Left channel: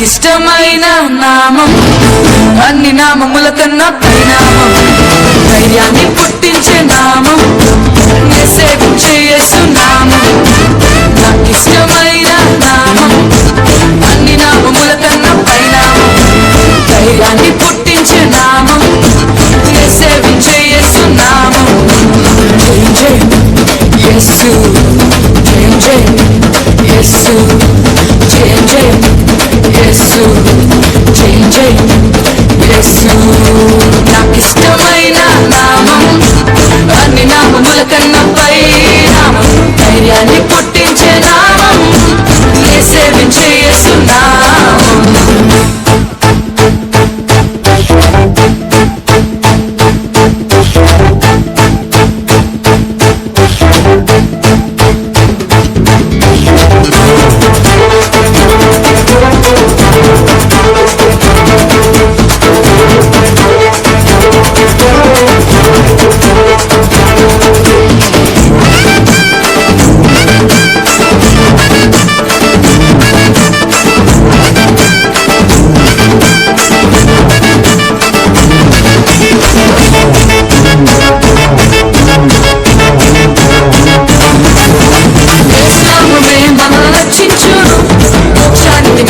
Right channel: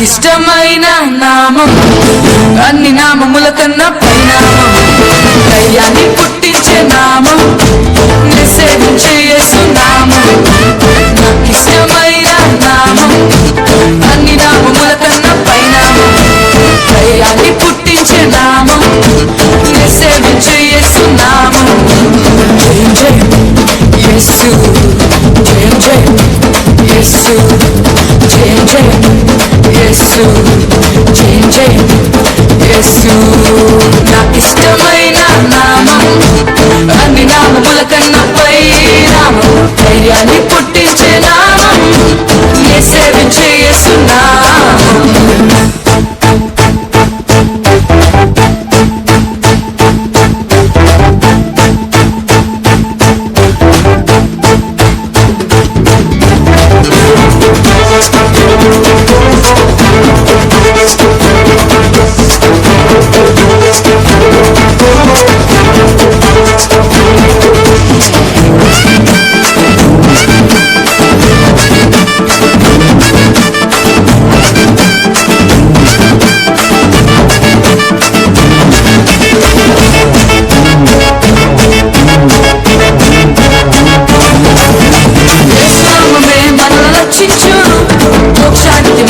నాకిష్టమైన నామం, అన్ని నామముల కన్నా పైనామం, ధైర్యాన్ని పుట్టించే నామం, నే సేవించే యేసు నామం. నాకిష్టమైన నామం, అన్ని నామముల కన్నా పైనామం, ధైర్యాన్ని పుట్టించే నామం, నే సేవించే యేసు నామం. జయం జయం యేసు, జయం జయం యేసు, జయం జయం యేసు, జయం జయం యేసు. నాకిష్టమైన నామం, అన్ని నామముల కన్నా పై నామం, ధైర్యాన్ని పుట్టించే నామం, నే సేవించే యేసు నామం.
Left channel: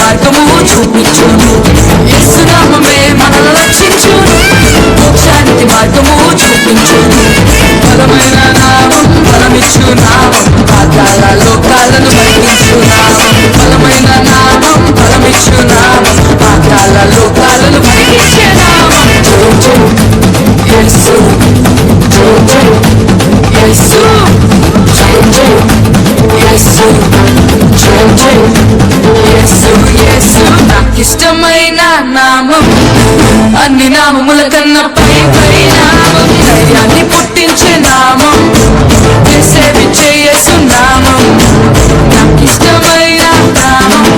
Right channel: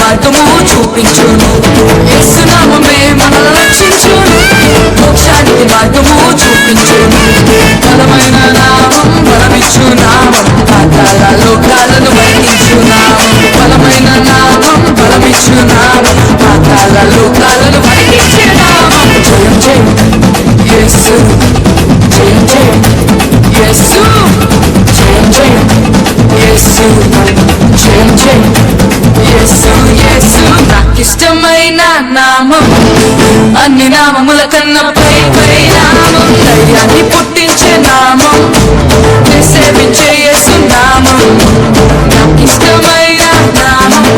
మార్గము చూపించును, యేసు నామమే మనల్ని రక్షించును, మోక్షానికి మార్గము చూపించును. బలమైన నామం, బలమిచ్చు నామం, పాతాళ లోకాలను వణికించు నామం. బలమైన నామం, బలమిచ్చు నామం, పాతాళ లోకాలను వణికించే నామం. జయం జయం యేసు, జయం జయం యేసు, జయం జయం యేసు, జయం జయం యేసు. యేసు నాకిష్టమైన నామం, అన్ని నామముల కన్నా పై పై నామం, ధైర్యాన్ని పుట్టించే నామం, నే సేవించే యేసు నామం. నాకిష్టమైన నామం,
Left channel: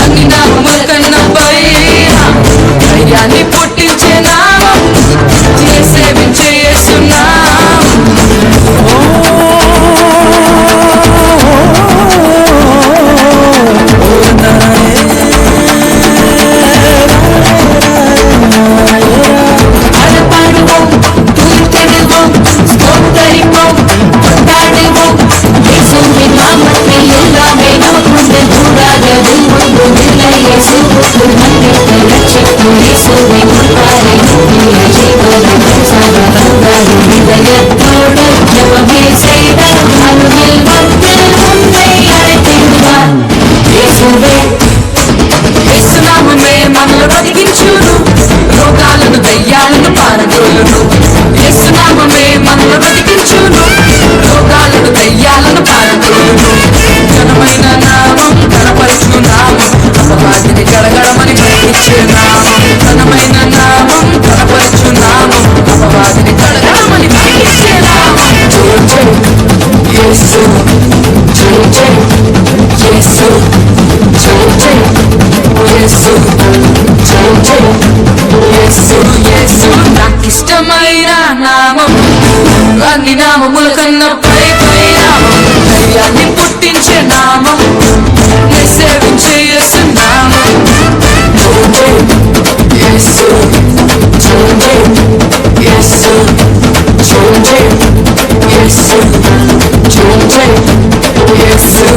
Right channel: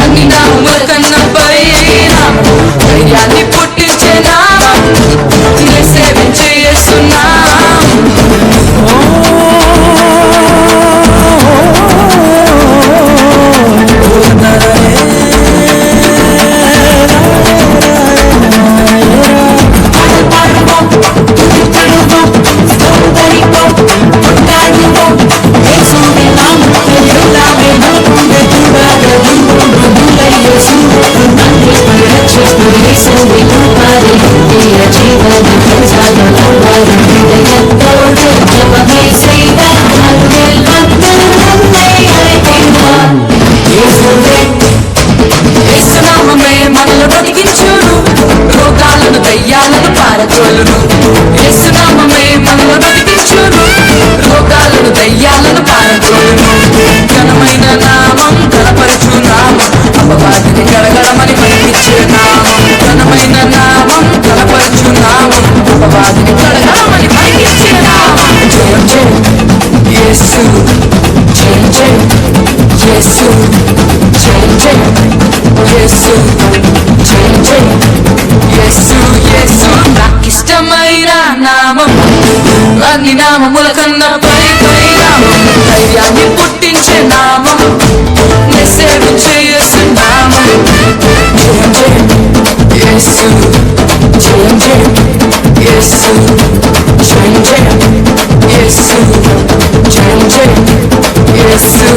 అన్ని నామముల కన్నా పై నామం, ధైర్యాన్ని పుట్టించే నామం, నే సేవించే యేసు నామం. రోగాలను దయ్యాలను పారదోలును, యేసు నామమే మనల్ని బ్రతికించును, రోగాలను దయ్యాలను పారదోలును. ఘనమైన నామం, ఘనపరచు నామం, అపవాదిని గడగడమని పలికించే నామం. ఘనమైన నామం, ఘనపరచు నామం, అపవాదిని గడగడమని పలికించే నామం. జయం జయం యేసు, జయం జయం యేసు, జయం జయం యేసు, జయం జయం యేసు. యేసు నాకిష్టమైన నామం, అన్ని నామముల కన్నా పై పై నామం, ధైర్యాన్ని పుట్టించే నామం, నే సేవించే యేసు నామం. జయం జయం యేసు, జయం జయం యేసు, జయం జయం యేసు, జయం జయం యేసు.